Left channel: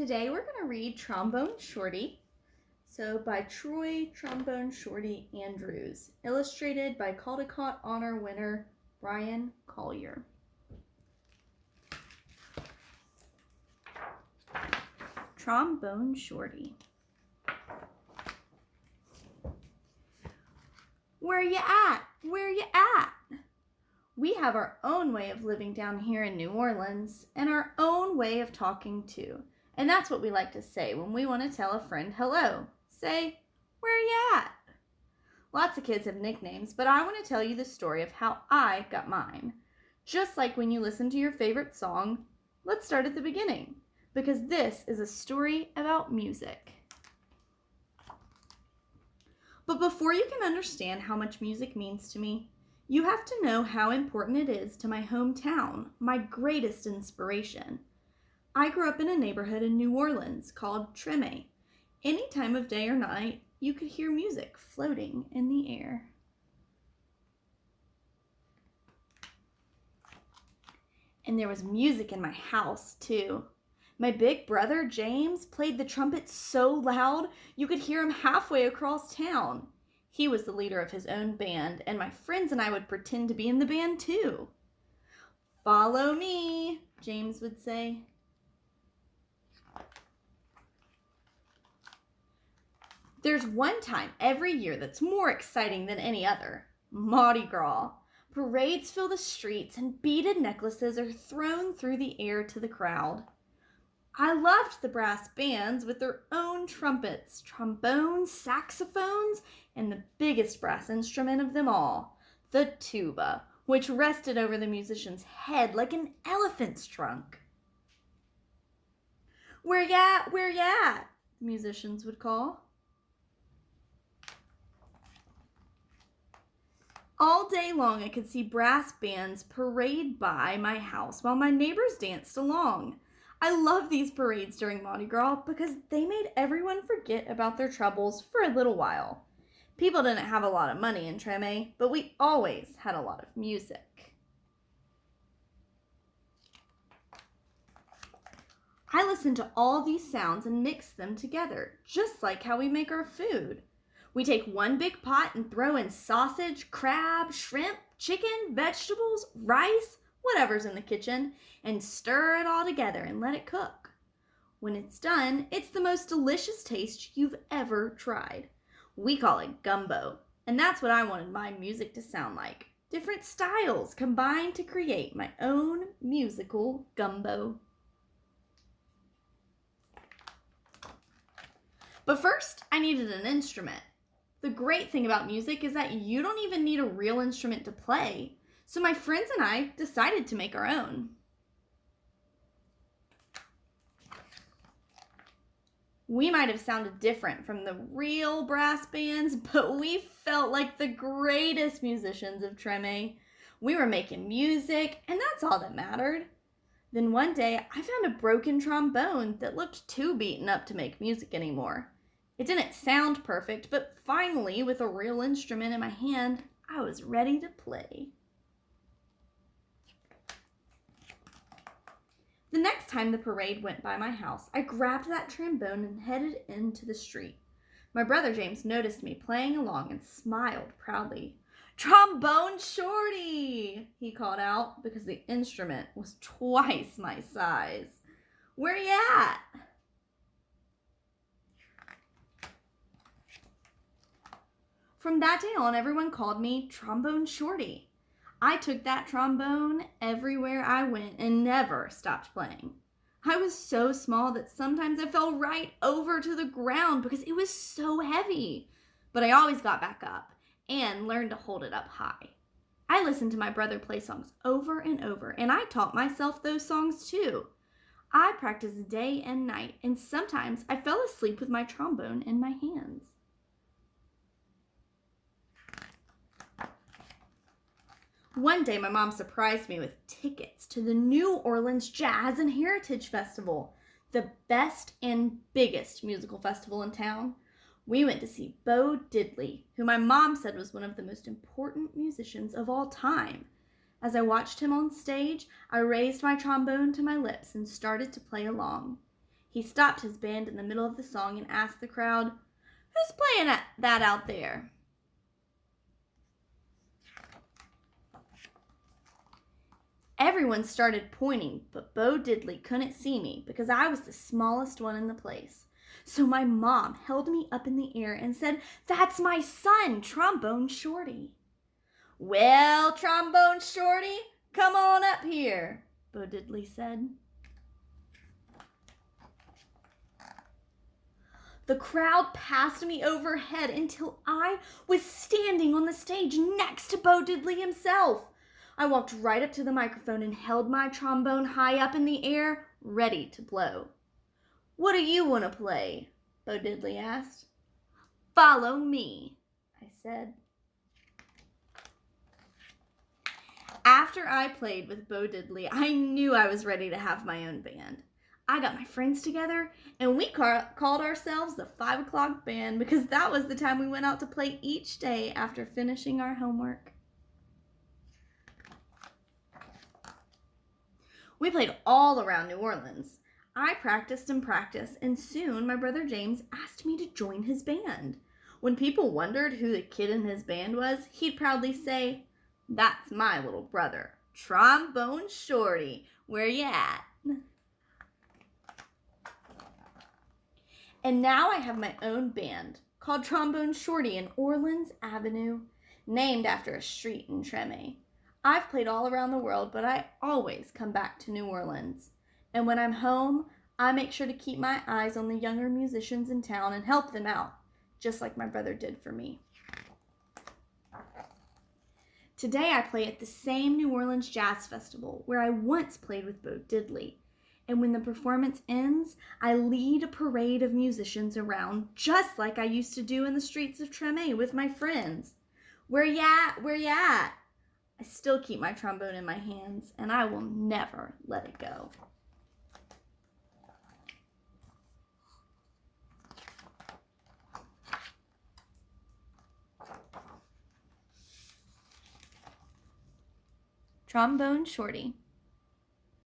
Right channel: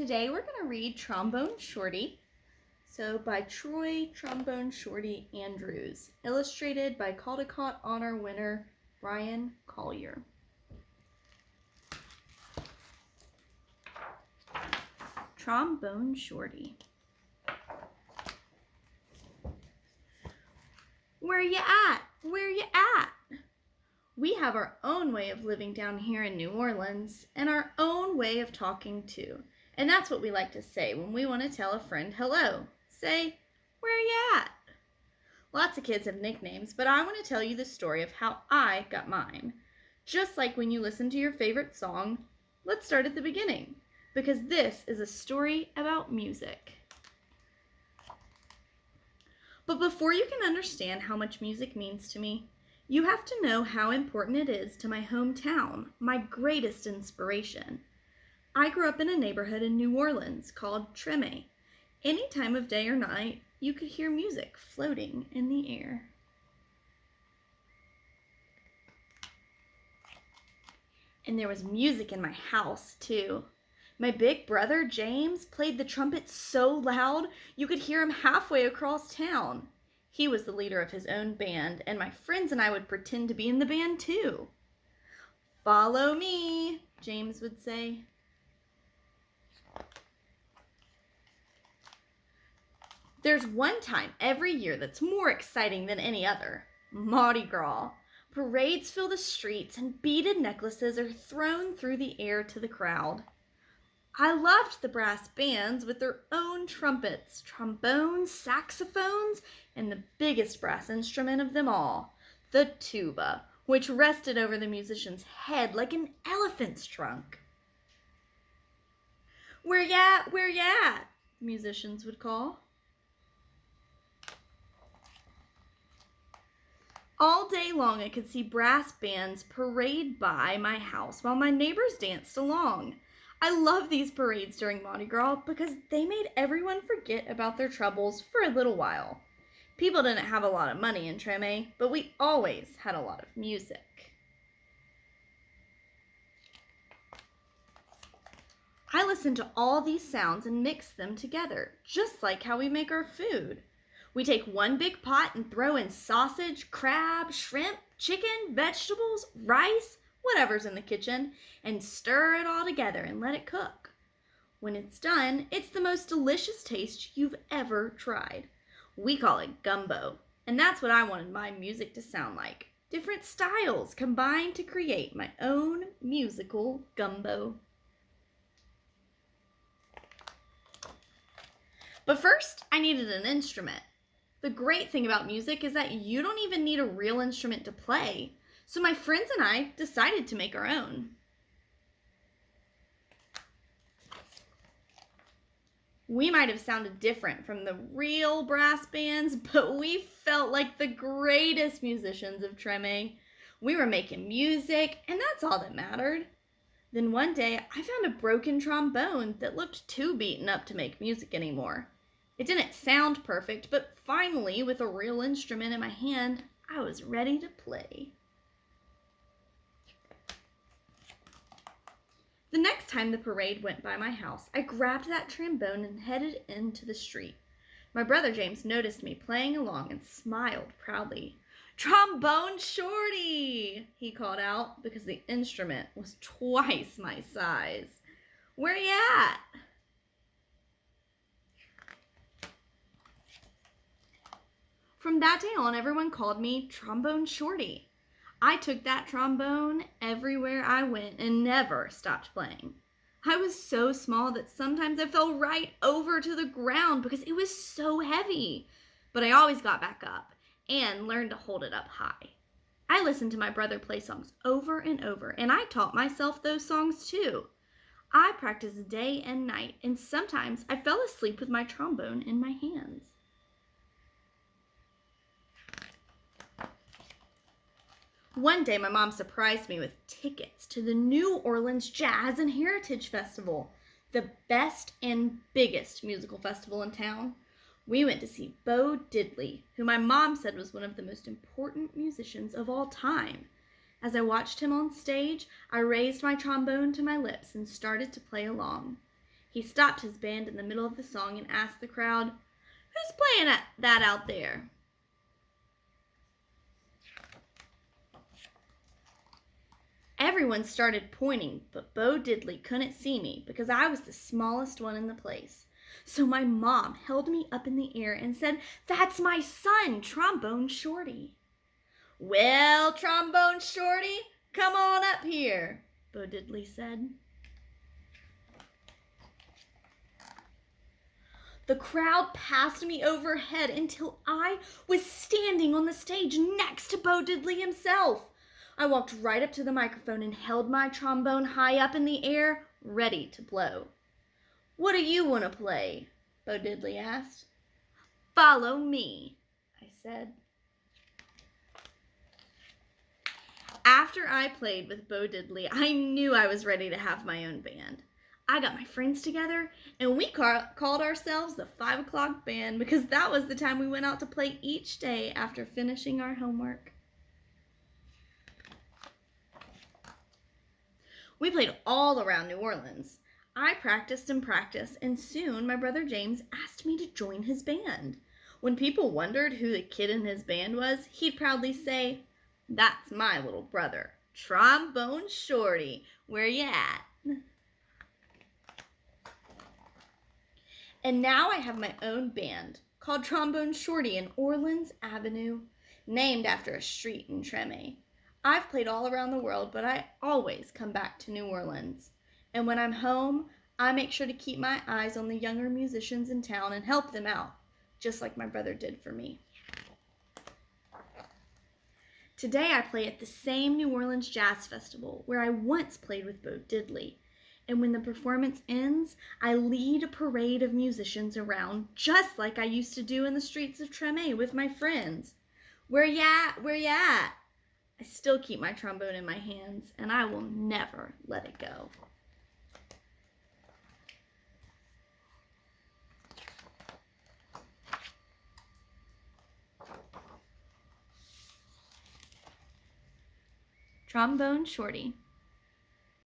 Today we're going to read Trombone Shorty, by Trombone Shorty Andrews, illustrated by Caldecott Honor winner Brian Collier. Trombone Shorty. Where you at? Where you at? We have our own way of living down here in New Orleans and our own way of talking too. And that's what we like to say when we want to tell a friend hello. Say, where you at? Lots of kids have nicknames, but I want to tell you the story of how I got mine. Just like when you listen to your favorite song, let's start at the beginning, because this is a story about music. But before you can understand how much music means to me, you have to know how important it is to my hometown, my greatest inspiration. I grew up in a neighborhood in New Orleans called Trombone. Any time of day or night, you could hear music floating in the air. And there was music in my house, too. My big brother, James, played the trumpet so loud you could hear him halfway across town. He was the leader of his own band, and my friends and I would pretend to be in the band, too. "Follow me," James would say. There's one time every year that's more exciting than any other: Mardi Gras. Parades fill the streets and beaded necklaces are thrown through the air to the crowd. I loved the brass bands with their own trumpets, trombones, saxophones, and the biggest brass instrument of them all, the tuba, which rested over the musician's head like an elephant's trunk. "Where ya at? Where ya at?" musicians would call. All day long I could see brass bands parade by my house while my neighbors danced along. I love these parades during Mardi Gras because they made everyone forget about their troubles for a little while. People didn't have a lot of money in Trombone, but we always had a lot of music. I listened to all these sounds and mixed them together, just like how we make our food. We take one big pot and throw in sausage, crab, shrimp, chicken, vegetables, rice, whatever's in the kitchen, and stir it all together and let it cook. When it's done, it's the most delicious taste you've ever tried. We call it gumbo, and that's what I wanted my music to sound like. Different styles combined to create my own musical gumbo. But first, I needed an instrument. The great thing about music is that you don't even need a real instrument to play. So my friends and I decided to make our own. We might have sounded different from the real brass bands, but we felt like the greatest musicians of Trombone. We were making music, and that's all that mattered. Then one day, I found a broken trombone that looked too beaten up to make music anymore. It didn't sound perfect, but finally, with a real instrument in my hand, I was ready to play. The next time the parade went by my house, I grabbed that trombone and headed into the street. My brother James noticed me playing along and smiled proudly. "Trombone Shorty!" he called out, because the instrument was twice my size. "Where you at?" From that day on, everyone called me Trombone Shorty. I took that trombone everywhere I went and never stopped playing. I was so small that sometimes I fell right over to the ground because it was so heavy. But I always got back up and learned to hold it up high. I listened to my brother play songs over and over, and I taught myself those songs too. I practiced day and night, and sometimes I fell asleep with my trombone in my hands. One day, my mom surprised me with tickets to the New Orleans Jazz and Heritage Festival, the best and biggest musical festival in town. We went to see Bo Diddley, who my mom said was one of the most important musicians of all time. As I watched him on stage, I raised my trombone to my lips and started to play along. He stopped his band in the middle of the song and asked the crowd, "Who's playing that out there?" Everyone started pointing, but Bo Diddley couldn't see me because I was the smallest one in the place. So my mom held me up in the air and said, "That's my son, Trombone Shorty." "Well, Trombone Shorty, come on up here," Bo Diddley said. The crowd passed me overhead until I was standing on the stage next to Bo Diddley himself. I walked right up to the microphone and held my trombone high up in the air, ready to blow. "What do you want to play?" Bo Diddley asked. "Follow me," I said. After I played with Bo Diddley, I knew I was ready to have my own band. I got my friends together and we called ourselves the 5 o'clock band because that was the time we went out to play each day after finishing our homework. We played all around New Orleans. I practiced and practiced, and soon my brother James asked me to join his band. When people wondered who the kid in his band was, he'd proudly say, "That's my little brother, Trombone Shorty. Where you at?" And now I have my own band called Trombone Shorty in Orleans Avenue, named after a street in Treme. I've played all around the world, but I always come back to New Orleans. And when I'm home, I make sure to keep my eyes on the younger musicians in town and help them out, just like my brother did for me. Today I play at the same New Orleans Jazz Festival where I once played with Bo Diddley. And when the performance ends, I lead a parade of musicians around, just like I used to do in the streets of Treme with my friends. "Where ya at? Where ya at?" I still keep my trombone in my hands, and I will never let it go. Trombone Shorty.